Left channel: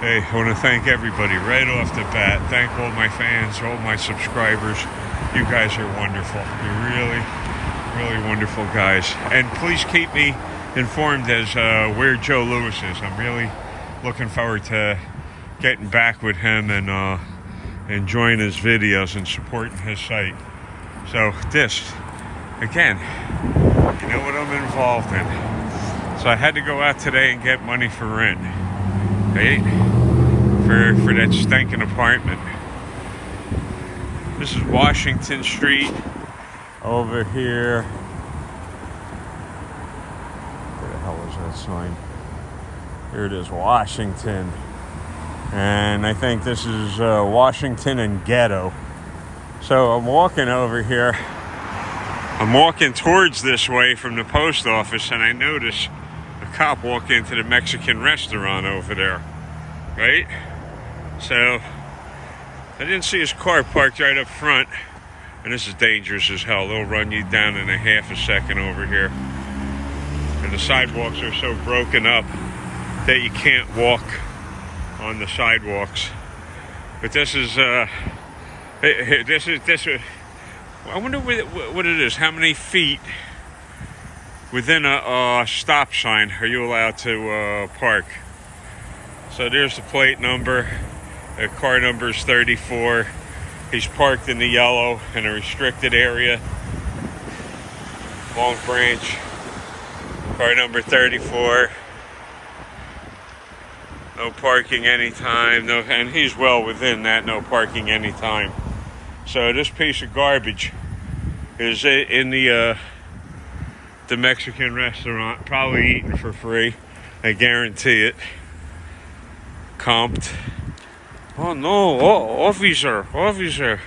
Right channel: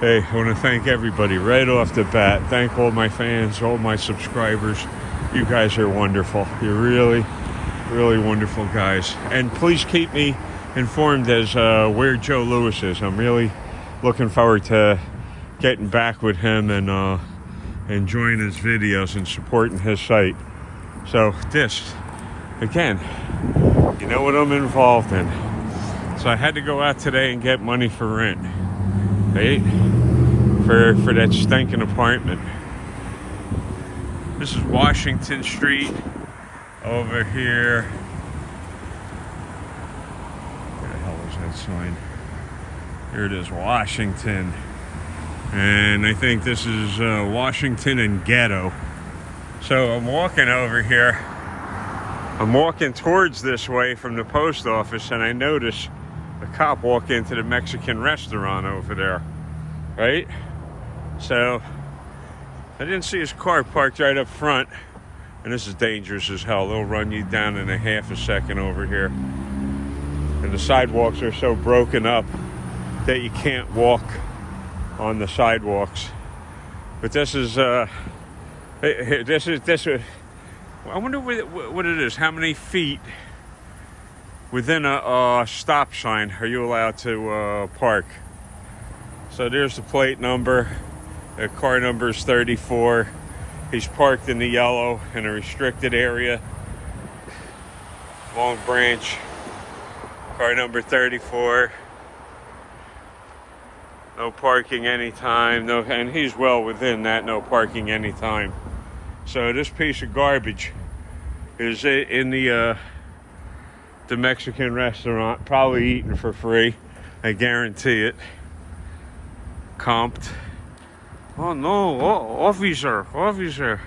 Hey, I want to thank everybody right off the bat. Thank all my fans, all my subscribers. You guys are wonderful. You're really, really wonderful guys. And please keep me informed as where Joe Louis is. I'm really looking forward to getting back with him and enjoying his videos and supporting his site. So this, again, you know what I'm involved in. So I had to go out today and get money for rent, right? For that stinking apartment. This is Washington Street over here. What the hell is that sign? Here it is, Washington. And I think this is Washington and Ghetto. So I'm walking over here. I'm walking towards this way from the post office, and I notice a cop walk into the Mexican restaurant over there, right? So I didn't see his car parked right up front, and this is dangerous as hell. They'll run you down in a half a second over here. And the sidewalks are so broken up that you can't walk on the sidewalks. But this is I wonder what it is. How many feet within a stop sign are you allowed to park? So there's the plate number. The car number is 34. He's parked in the yellow in a restricted area. Long Branch. Car number 34. No parking anytime. No, and he's well within that no parking anytime. So this piece of garbage is in the Mexican restaurant, probably eating for free. I guarantee it. Comped. Oh no, officer.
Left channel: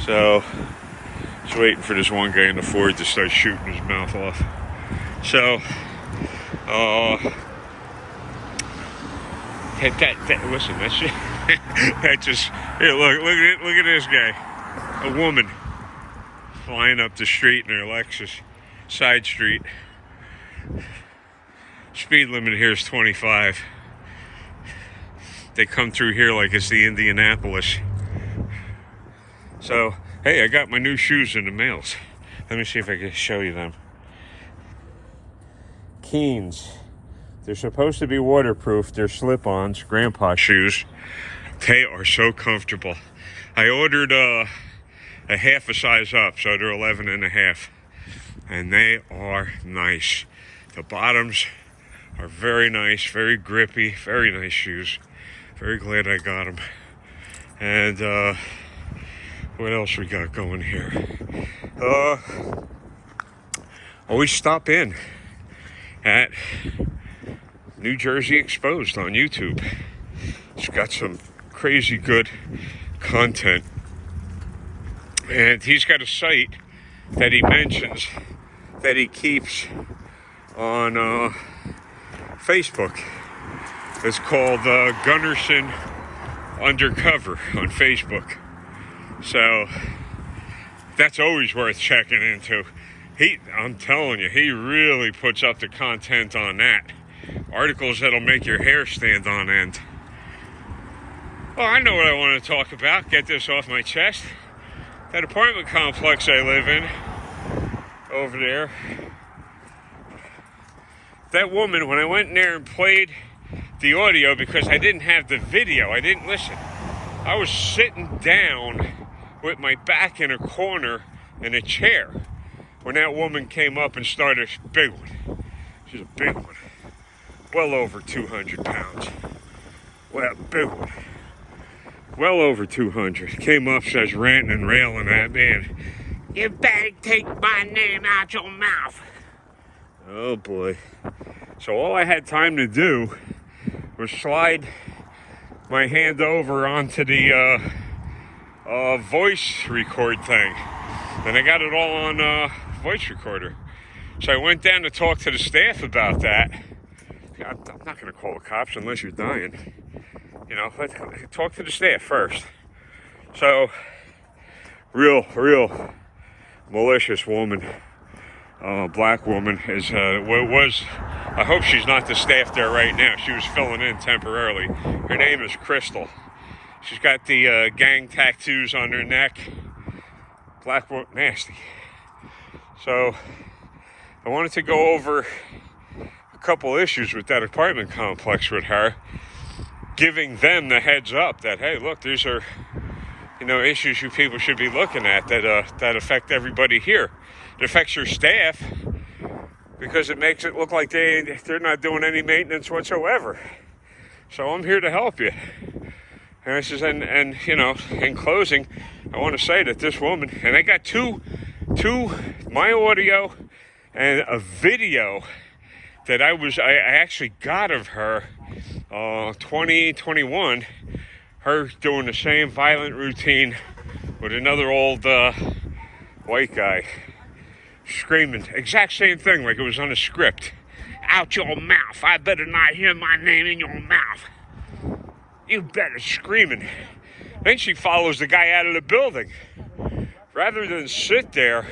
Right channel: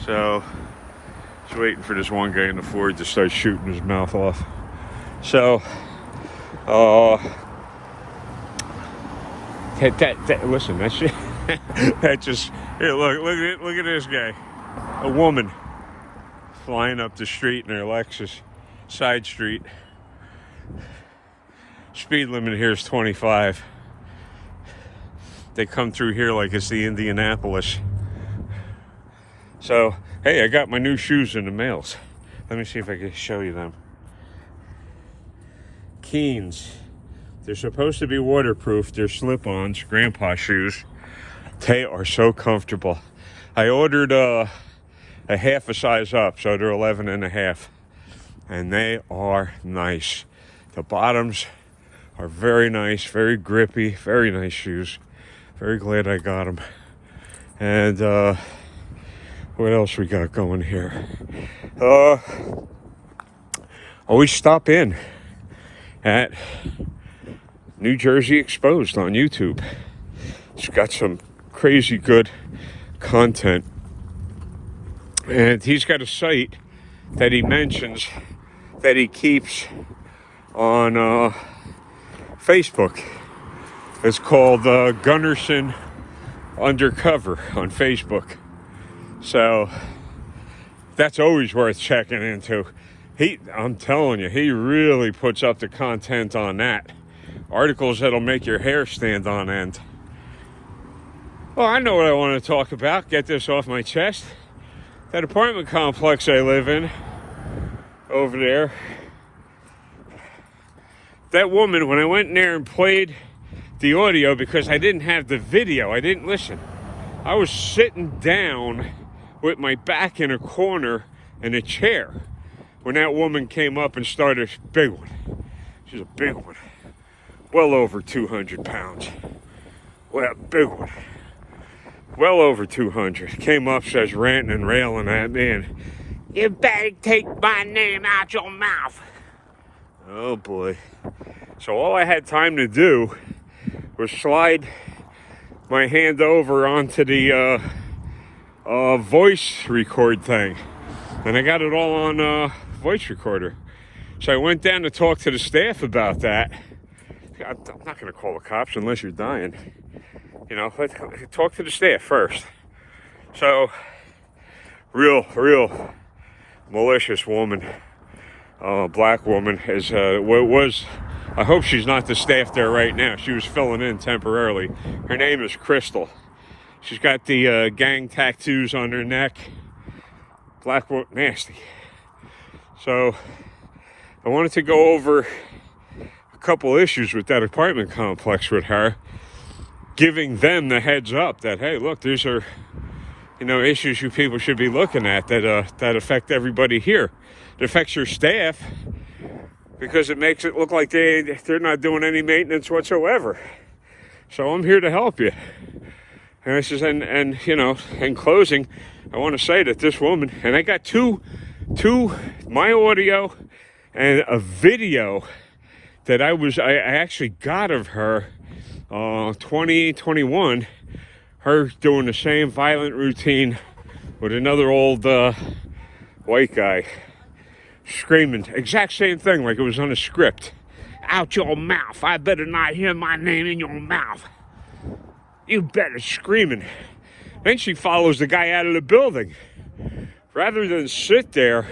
So, just waiting for this one guy in the Ford to start shooting his mouth off. So, listen, that's that just, here, look at this guy. A woman flying up the street in her Lexus, side street. Speed limit here is 25. They come through here like it's the Indianapolis. So, hey, I got my new shoes in the mails. Let me see if I can show you them. Keens. They're supposed to be waterproof. They're slip-ons, grandpa shoes. They are so comfortable. I ordered a half a size up, so they're 11 and a half. And they are nice. The bottoms are very nice, very grippy, very nice shoes. Very glad I got them. And what else we got going here? Always stop in at New Jersey Exposed on YouTube. It's got some crazy good content. And he's got a site that he mentions that he keeps on Facebook. It's called Gunnarsson Undercover on Facebook. So that's always worth checking into. I'm telling you, he really puts up the content on that. Articles that'll make your hair stand on end. Well, I know what I want to talk about. Get this off my chest. That apartment complex I live in over there. That woman, when I went in there and played the audio, because I didn't have the video, I didn't listen. I was sitting down with my back in a corner in a chair when that woman came up and started. Big one. She's a big one. Well over 200 pounds. Well, big one. Well over 200. Came up, says ranting and railing at me, and you better take my name out your mouth. Oh boy. So all I had time to do was slide my hand over onto the voice record thing. And I got it all on voice recorder. So I went down to talk to the staff about that. I'm not going to call the cops unless you're dying. You know, let's talk to the staff first. So, real malicious woman, black woman, was I hope she's not the staff there right now. She was filling in temporarily. Her name is Crystal. She's got the gang tattoos on her neck. Black Wolf Nasty. So I wanted to go over a couple issues with that apartment complex with her, giving them the heads up that, hey, look, these are, issues you people should be looking at that affect everybody here. It affects your staff because it makes it look like they're not doing any maintenance whatsoever. So I'm here to help you. And I says, and in closing, I want to say that this woman, and I got two my audio and a video that I actually got of her 2021, her doing the same violent routine with another old white guy, screaming exact same thing like it was on a script. Out your mouth, I better not hear my name in your mouth. You better, screaming. Then she follows the guy out of the building. Rather than sit there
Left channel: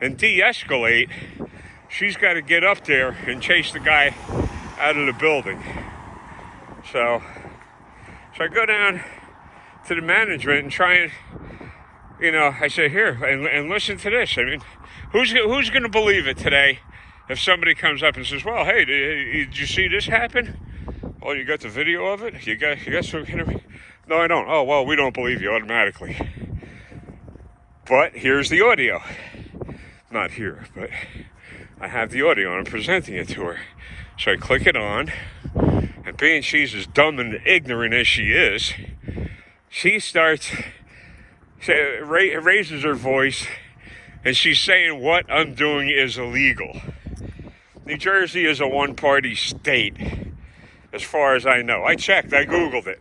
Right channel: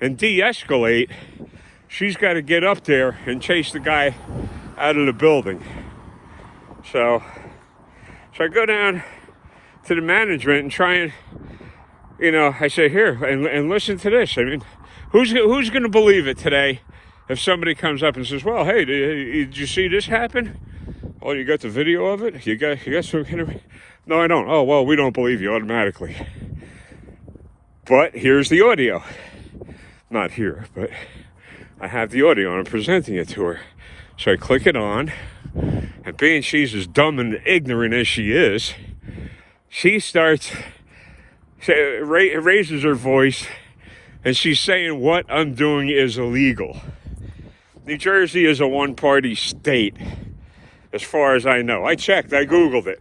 and de-escalate, she's got to get up there and chase the guy out of the building. So I go down to the management and try and, I say, here, and listen to this. I mean, who's going to believe it today if somebody comes up and says, well, hey, did you see this happen? Oh, you got the video of it? You got some kind of... No, I don't. Oh, well, we don't believe you automatically. But here's the audio. Not here, but I have the audio and I'm presenting it to her. So I click it on, and being she's as dumb and ignorant as she is, she raises her voice, and she's saying what I'm doing is illegal. New Jersey is a one-party state, as far as I know. I checked, I Googled it.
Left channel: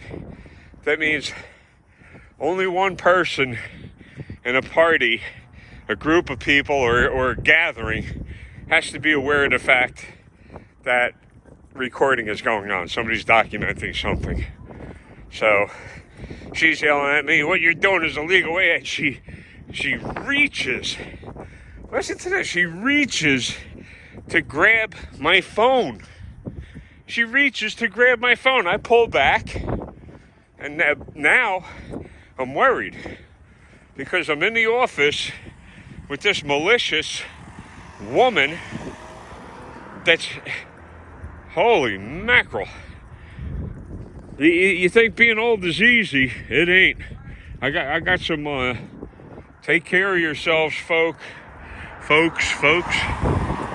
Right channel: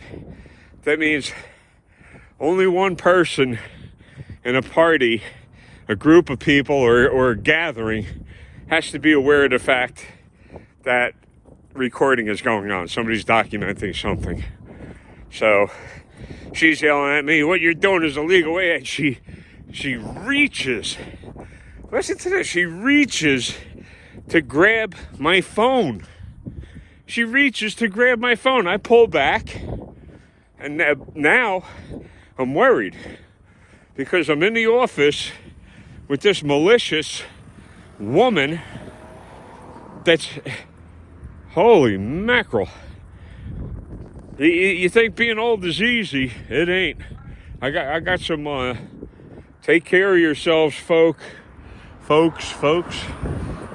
That means only one person in a party, a group of people, or a gathering has to be aware of the fact that recording is going on. Somebody's documenting something. So she's yelling at me, what you're doing is illegal. And she reaches, listen to this, she reaches to grab my phone. She reaches to grab my phone. I pull back, and now I'm worried because I'm in the office with this malicious woman that's, holy mackerel. You think being old is easy? It ain't. I got some, take care of yourselves, folks.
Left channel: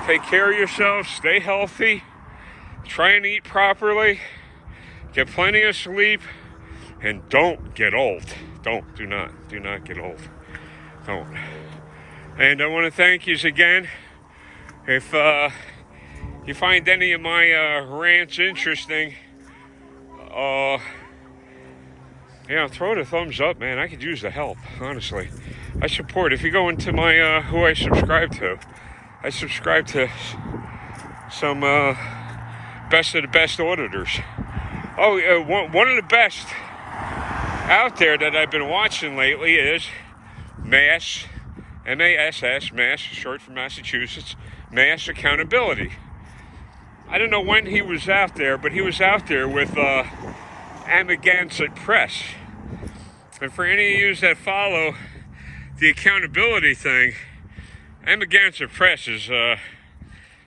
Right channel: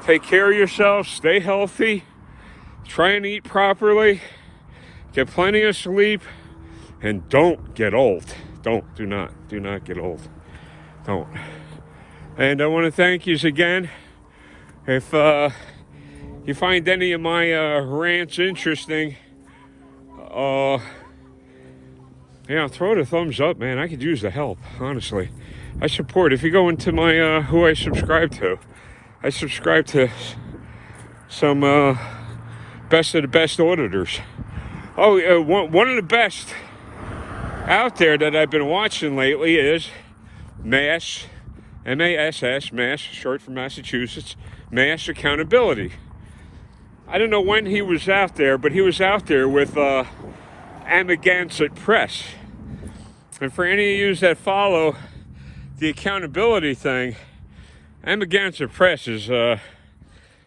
Take care of yourselves, stay healthy, try and eat properly, get plenty of sleep, and don't get old. Do not get old. Don't. And I want to thank you again. If you find any of my rants interesting, throw it a thumbs up, man. I could use the help, honestly. I support. If you go into my who I subscribe to, I subscribe to some best of the best auditors. Oh, one of the best out there that I've been watching lately is MASS, M-A-S-S, MASS, short for Massachusetts, Mass Accountability. I don't know when he was out there, but he was out there with Amagansett Press. And for any of you that follow the accountability thing, Amagansett Press is,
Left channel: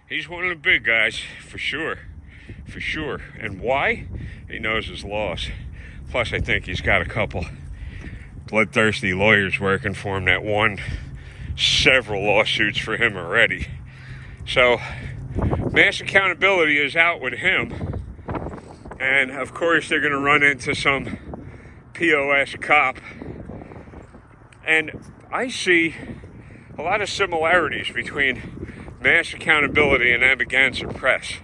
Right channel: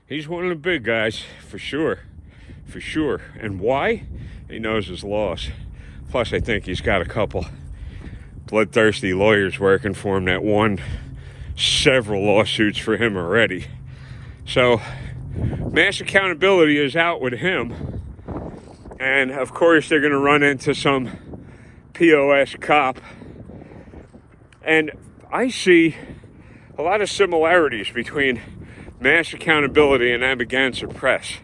he's one of the big guys, for sure. And why? He knows his laws. Plus, I think he's got a couple bloodthirsty lawyers working for him that won several lawsuits for him already. So, Mass Accountability is out with him. And, of course, they're going to run into some POS cop. And I see a lot of similarities between Mass Accountability and Amagansett Press.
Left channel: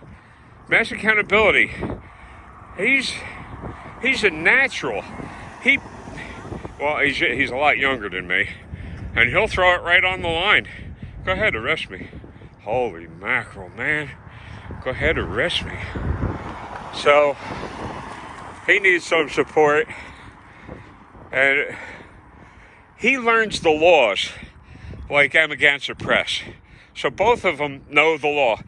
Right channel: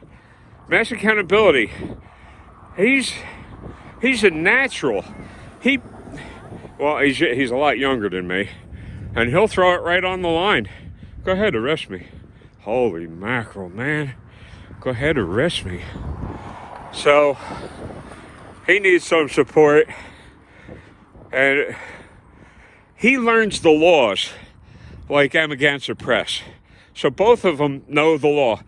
Mass Accountability, he's a natural. He's a lot younger than me, and he'll throw it right on the line. Go ahead, arrest me. Holy mackerel, man. Go ahead, arrest me. So, he needs some support, and he learns the laws like Amagansett Press. So both of them know the law.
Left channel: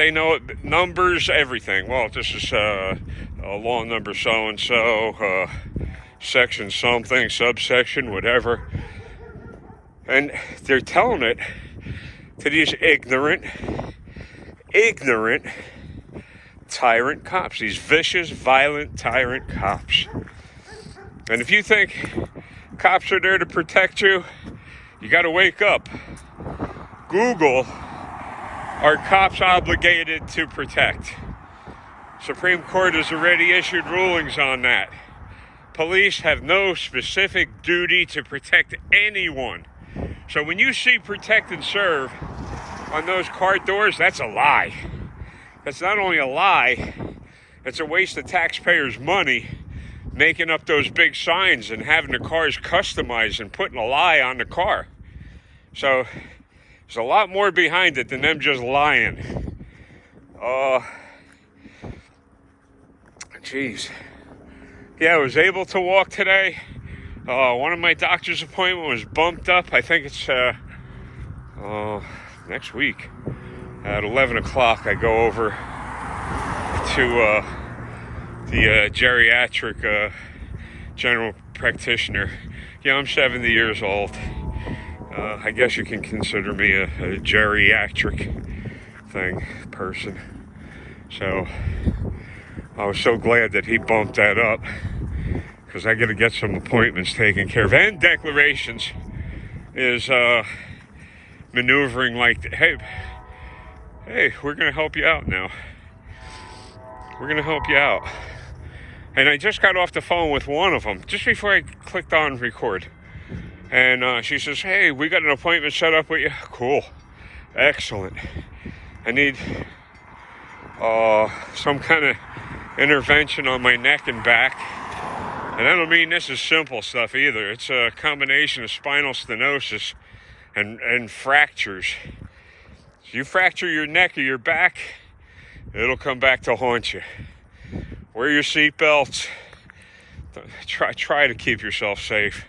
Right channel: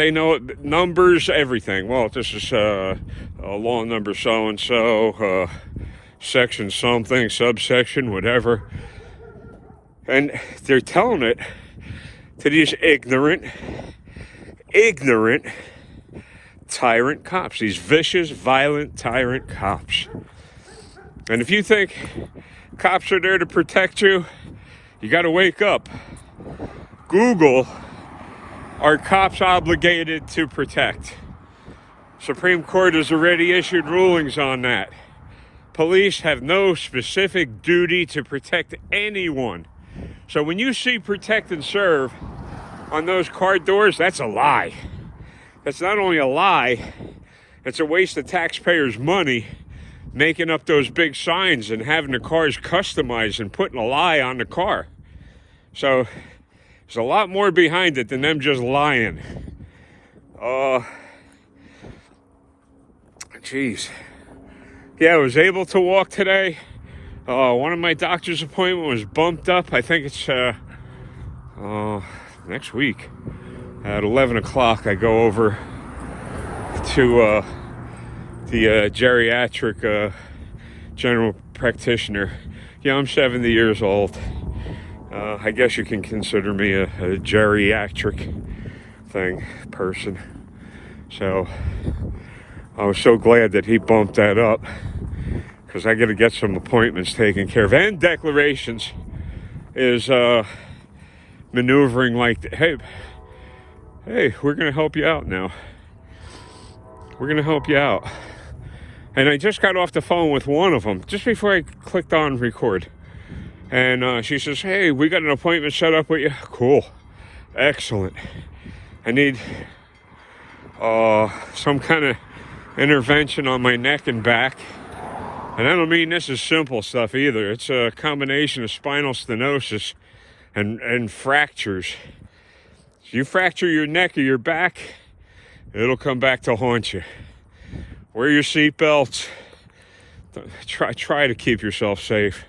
They know it, numbers, everything. Well, this is law number so-and-so, section something, subsection, whatever. And they're telling it to these ignorant tyrant cops, these vicious, violent tyrant cops. And if you think cops are there to protect you, you got to wake up. Google, are cops obligated to protect? Supreme Court has already issued rulings on that. Police have no specific duty to protect anyone. So when you see protect and serve on those car doors, that's a lie. That's not only a lie, it's a waste of taxpayers' money making up those big signs and having the cars customized and putting a lie on the car. So there's a lot more behind it than them just lying. Geez. Yeah, I was able to walk today. One of my doctor's appointment was bumped up. I think it's next week. At 11 o'clock, I go over to the geriatric general practitioner. Yeah, I'm 70 years old. I guess you can consider me a geriatric person. So I was so glad that he bumped that up, because I got to get some appointments taken care of. And declarations is maneuvering like, hey, we're going to help you out now. We're going to help you out. And I just got off the phone with one of them just before I clicked on record. And she says, hey, we got an appointment set up with you. Cool. Excellent. I need some kind of intervention on my neck and back. And I don't mean this is simple stuff either. It's a combination of spinal stenosis and fractures. So you fracture your neck or your back, it'll come back to haunt you. Wear your seatbelts. Try to keep yourself safe.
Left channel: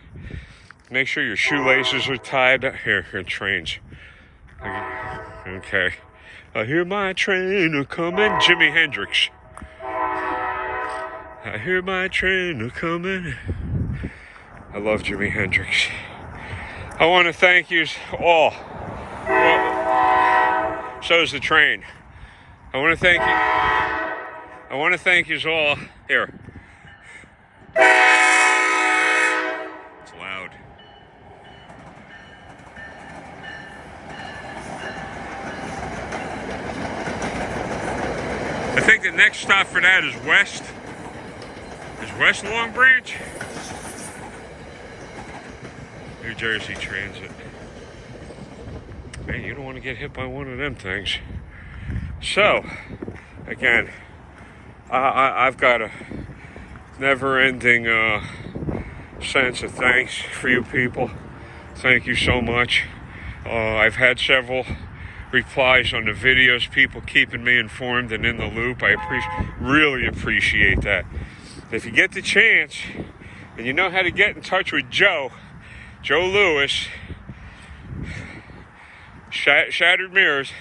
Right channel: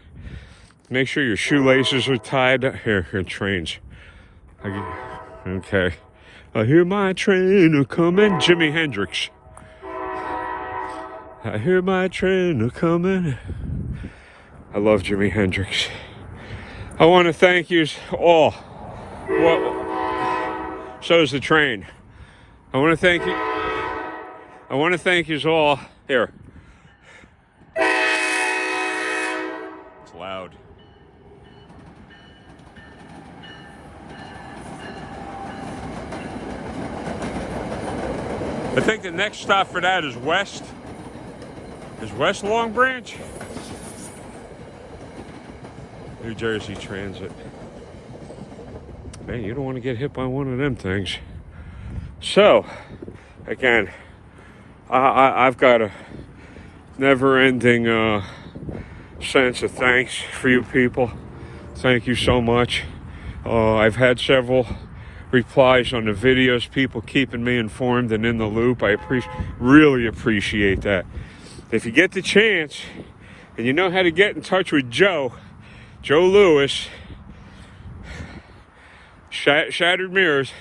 Make sure your shoelaces are tied. Here, trains. Okay. I hear my train a-coming. Jimi Hendrix. I hear my train a-coming. I love Jimi Hendrix. I want to thank you all. Well, so is the train. I want to thank you. I want to thank you all. Here. It's loud. I think the next stop for that is West. Is West Long Branch? New Jersey Transit. Man, you don't want to get hit by one of them things. So, again, I've got a never-ending sense of thanks for you people. Thank you so much. I've had several replies on the videos, people keeping me informed and in the loop. I really appreciate that. If you get the chance and you know how to get in touch with Joe Lewis, Shattered Mirrors,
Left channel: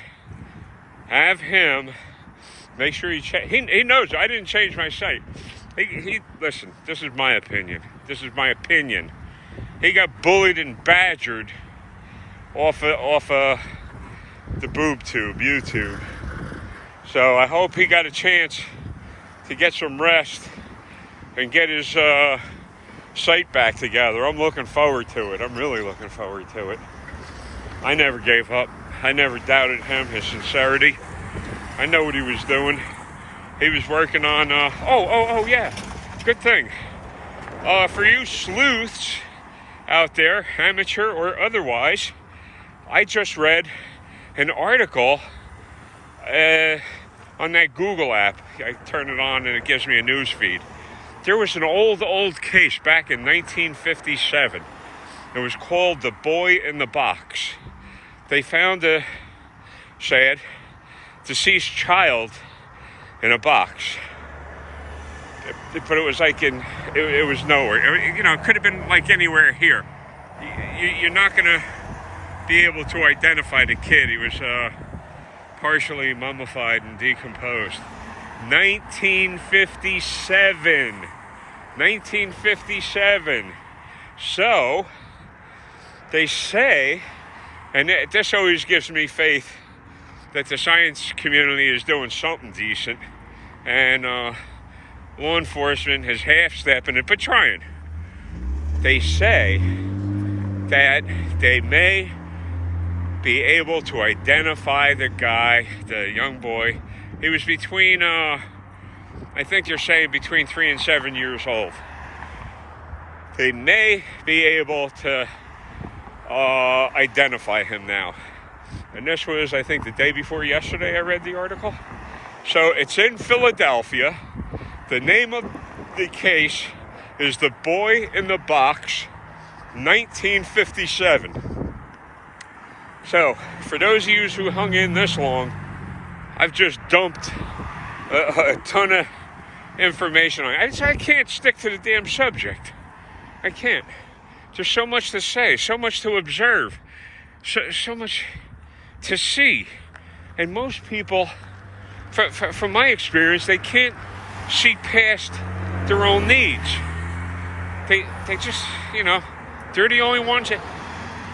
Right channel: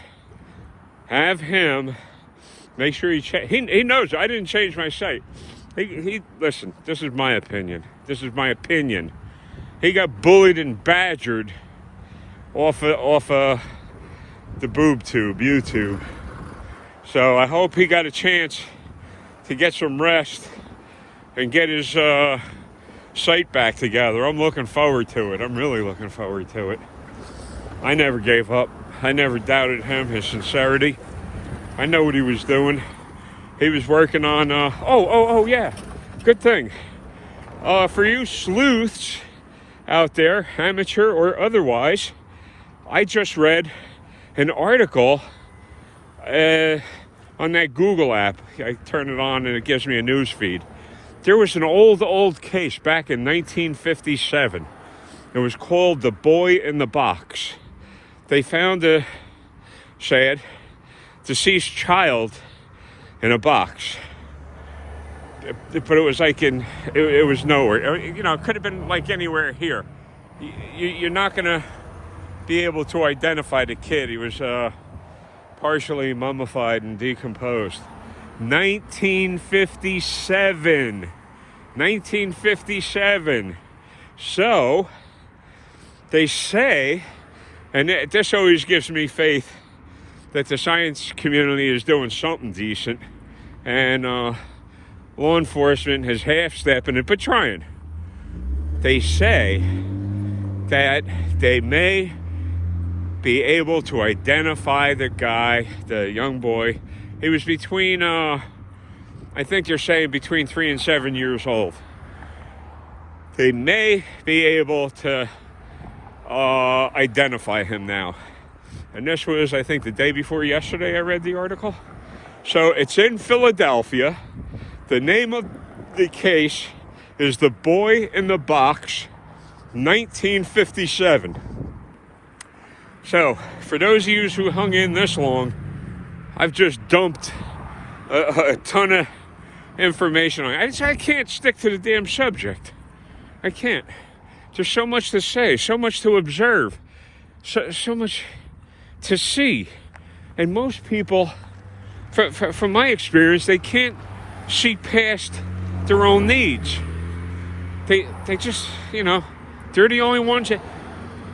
have him make sure he knows I didn't change my site. He listen, this is my opinion. He got bullied and badgered off the boob tube, YouTube. So I hope he got a chance to get some rest and get his site back together. I'm looking forward to it. I'm really looking forward to it. I never gave up. I never doubted him, his sincerity. I know what he was doing. He was working on, yeah, good thing. For you sleuths out there, amateur or otherwise, I just read an article on that Google app. I turn it on and it gives me a news feed. There was an old case back in 1957. It was called The Boy in the Box. They found a deceased child in a box. But it was like it was nowhere. You know, it could have been like anywhere here. You're not going to be able to identify the kid. He was partially mummified and decomposed. 1957. 1957. So, they say, and this always gives me faith that the science community is doing something decent, and law enforcement is half-stepping it, but trying. They say that they may be able to identify the guy, the young boy. He was between, I think they're saying between 3 and 7 years old. They may be able to identify him now. And this was, I think, the day before yesterday I read the article. So it's in Philadelphia. The name of the case is The Boy in the Box, 1957. So, for those of you who hung in this long, I've just dumped a ton of information on it. I can't stick to the damn subject. I can't. There's so much to say, so much to observe, so much to see. And most people, from my experience, they can't see past their own needs. They just, they're the only ones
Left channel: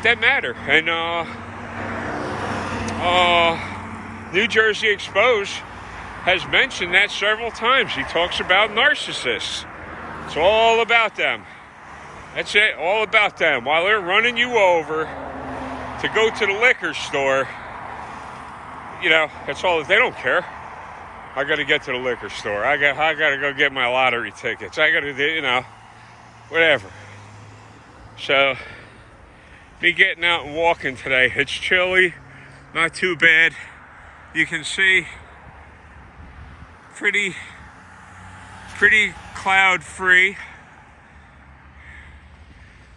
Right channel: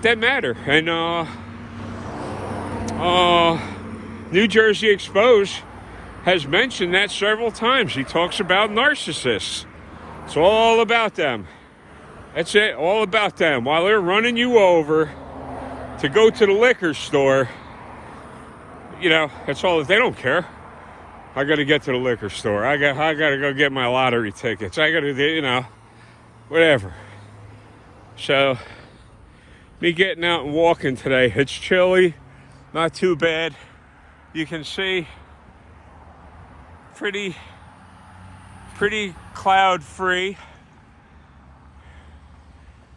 that matter. And New Jersey Exposed has mentioned that several times. He talks about narcissists. It's all about them. That's it, all about them. While they're running you over to go to the liquor store, that's all. They don't care. I got to get to the liquor store. I got to go get my lottery tickets. I got to do, whatever. So, me getting out and walking today. It's chilly, not too bad. You can see pretty cloud free.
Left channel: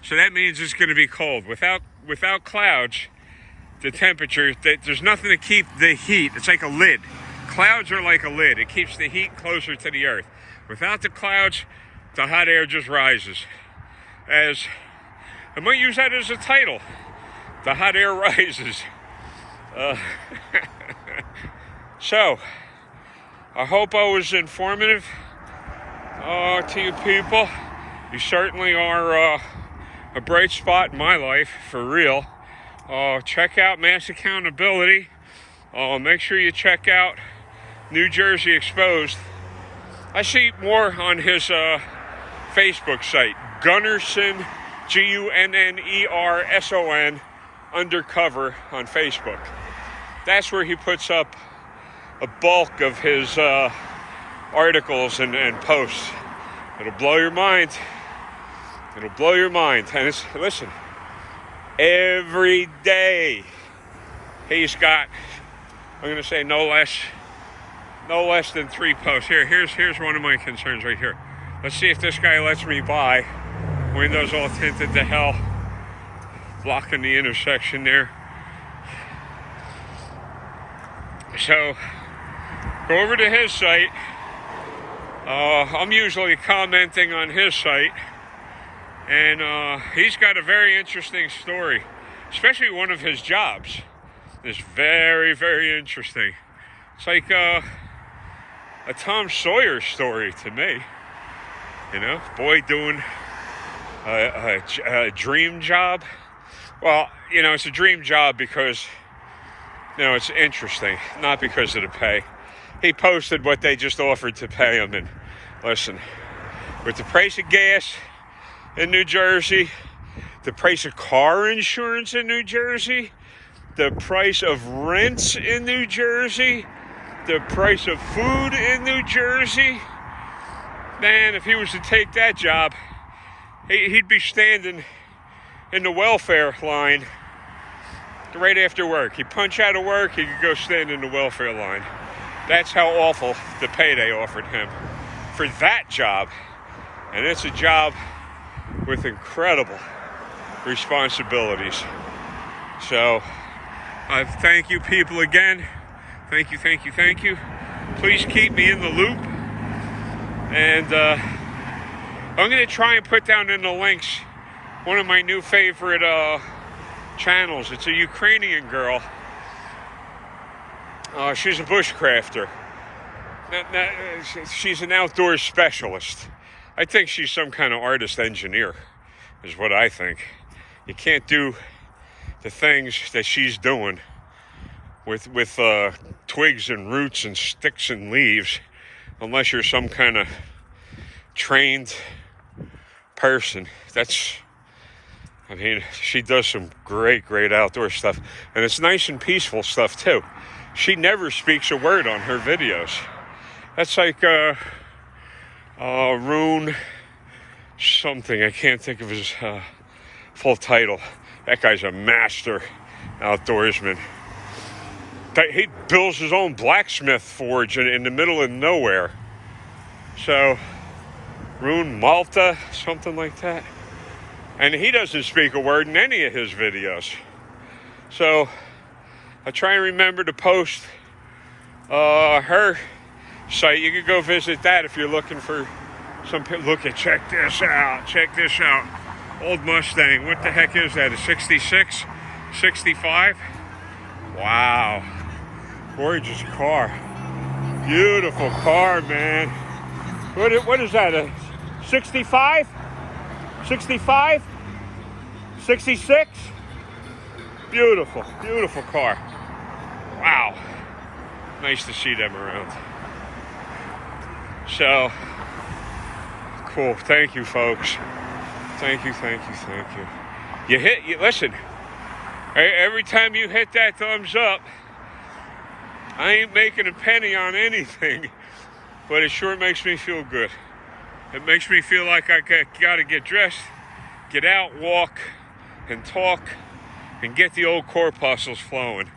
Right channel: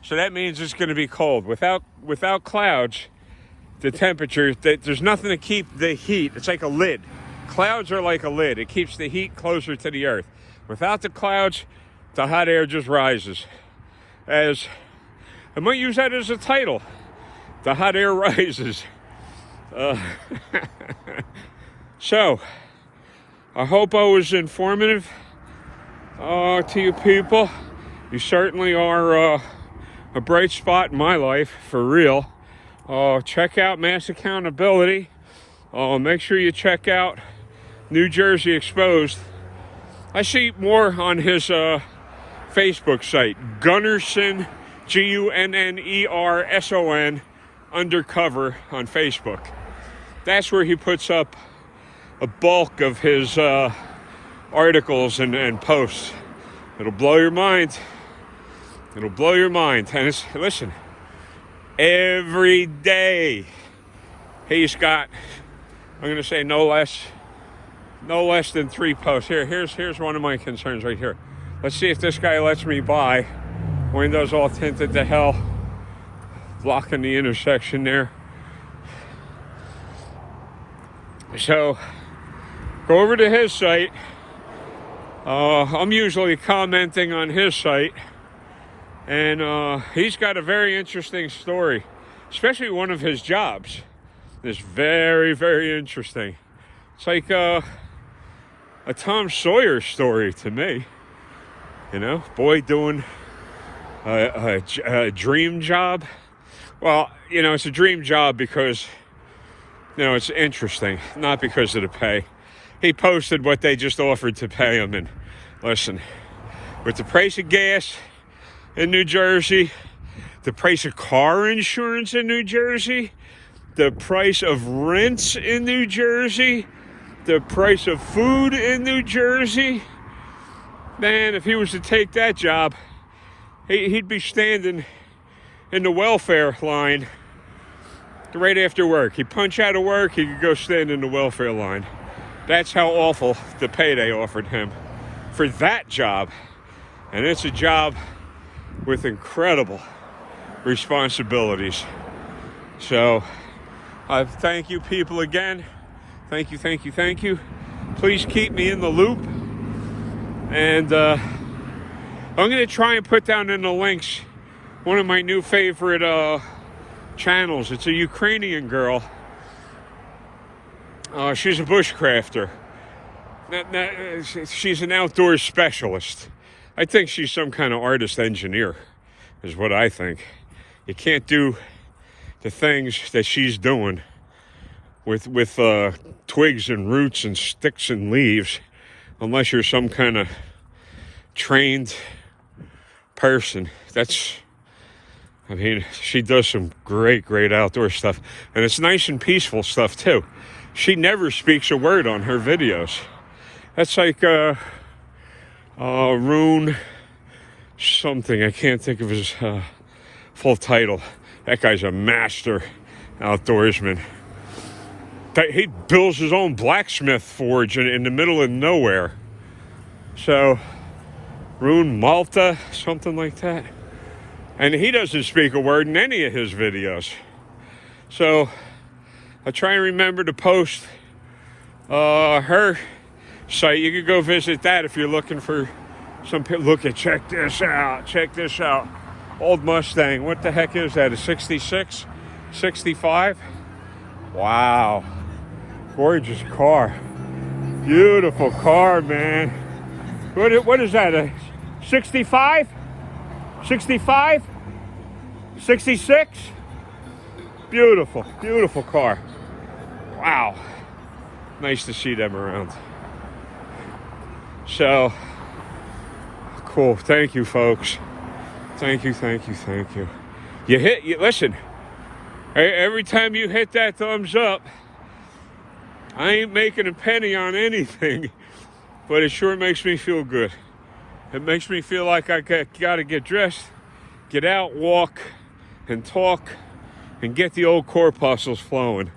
So that means it's going to be cold. Without clouds, the temperature, there's nothing to keep the heat. It's like a lid. Clouds are like a lid. It keeps the heat closer to the earth. Without the clouds, the hot air just rises. I might use that as a title. The hot air rises. So, I hope I was informative to you people. You certainly are a bright spot in my life, for real. Check out Mass Accountability. Make sure you check out New Jersey Exposed. I see more on his Facebook site, Gunnerson, Gunnerson, Undercover on Facebook. That's where he puts up a bulk of his articles and posts. It'll blow your mind. It'll blow your mind. And listen, every day he's got, I'm going to say no less than 3 posts. Here's one of my concerns right here. Let's see if this guy lets me by. Windows all tinted to hell. Blocking the intersection there. So, go over to his site. I'm usually commenting on his site. And he's got a very interesting story. Especially one of his jobs. It's very, very interesting. It's like a Tom Sawyer story to me. Boy doing a dream job. Well, it's a dream job because, it's interesting, not because of the pay. He posted what they just offered to pay him, and listen, with the price of gas in New Jersey, the price of car insurance in New Jersey, the price of rents in New Jersey, the price of food in New Jersey, man, if he was to take that job, he'd be standing in the welfare line right after work. He'd punch out of work, he could go stand in the welfare line. That's how awful the pay they offered him for that job. And it's a job with incredible responsibilities. So, thank you people again. Thank you. Please keep me in the loop. And I'm going to try and put down in the links one of my new favorite channels. It's a Ukrainian girl. She's a bushcrafter. She's an outdoors specialist. I think she's some kind of artist engineer, is what I think. You can't do the things that she's doing with twigs and roots and sticks and leaves unless you're some kind of trained person. I mean, she does some great outdoor stuff. And it's nice and peaceful stuff, too. She never speaks a word on her videos. That's like Rune something. I can't think of his full title. That guy's a master outdoorsman. He builds his own blacksmith forge in the middle of nowhere. So, Rune Malta, something like that. And he doesn't speak a word in any of his videos. So, I try and remember to post her site. You can go visit that if you're looking for some. Check this out. Old Mustang. What the heck is that? A 66? 65? Wow. Gorgeous car. Beautiful car, man. What is that? A 65? 65? 66? Beautiful car. Wow. Nice to see them around. So, cool. Thank you, folks. Thank you. Listen, every time you hit that thumbs up, I ain't making a penny on anything, but it sure makes me feel good. It makes me feel like I gotta get dressed, get out, walk, and talk, and get the old corpuscles flowing.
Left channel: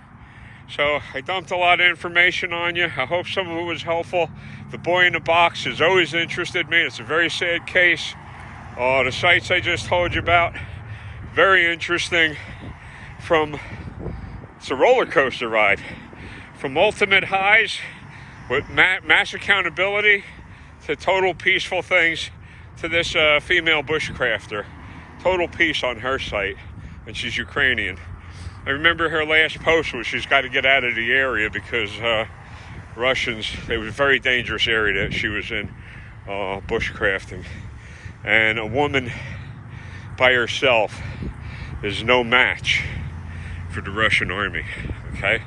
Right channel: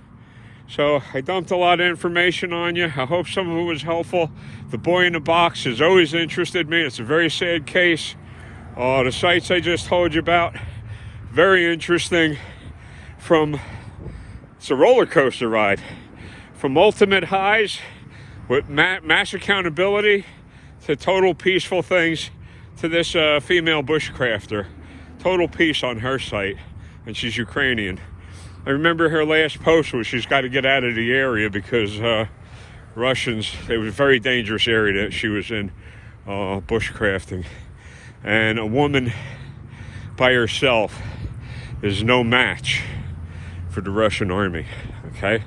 So I dumped a lot of information on you. I hope some of it was helpful. The boy in the box has always interested me. It's a very sad case. The sites I just told you about, very interesting. It's a roller coaster ride. From ultimate highs with mass accountability to total peaceful things to this female bushcrafter. Total peace on her site, and she's Ukrainian. I remember her last post was she's got to get out of the area because Russians, it was a very dangerous area that she was in, bushcrafting. And a woman by herself is no match for the Russian army, okay?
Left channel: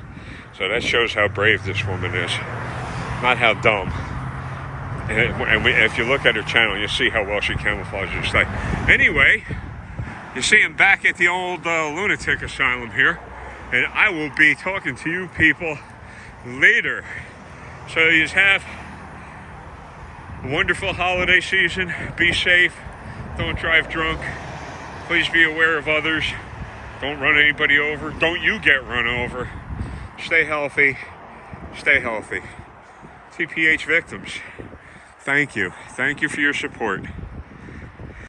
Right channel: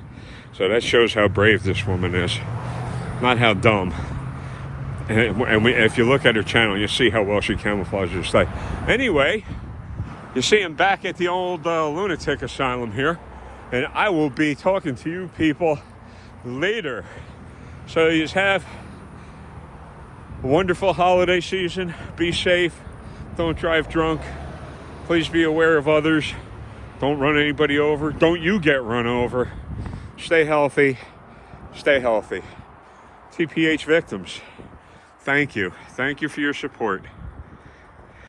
So that shows how brave this woman is, not how dumb. And if you look at her channel, you see how well she camouflages her style. Anyway, you see I'm back at the old lunatic asylum here, and I will be talking to you people later. So you have a wonderful holiday season. Be safe. Don't drive drunk. Please be aware of others. Don't run anybody over. Don't you get run over. Stay healthy. Stay healthy. TPH victims, thank you. Thank you for your support.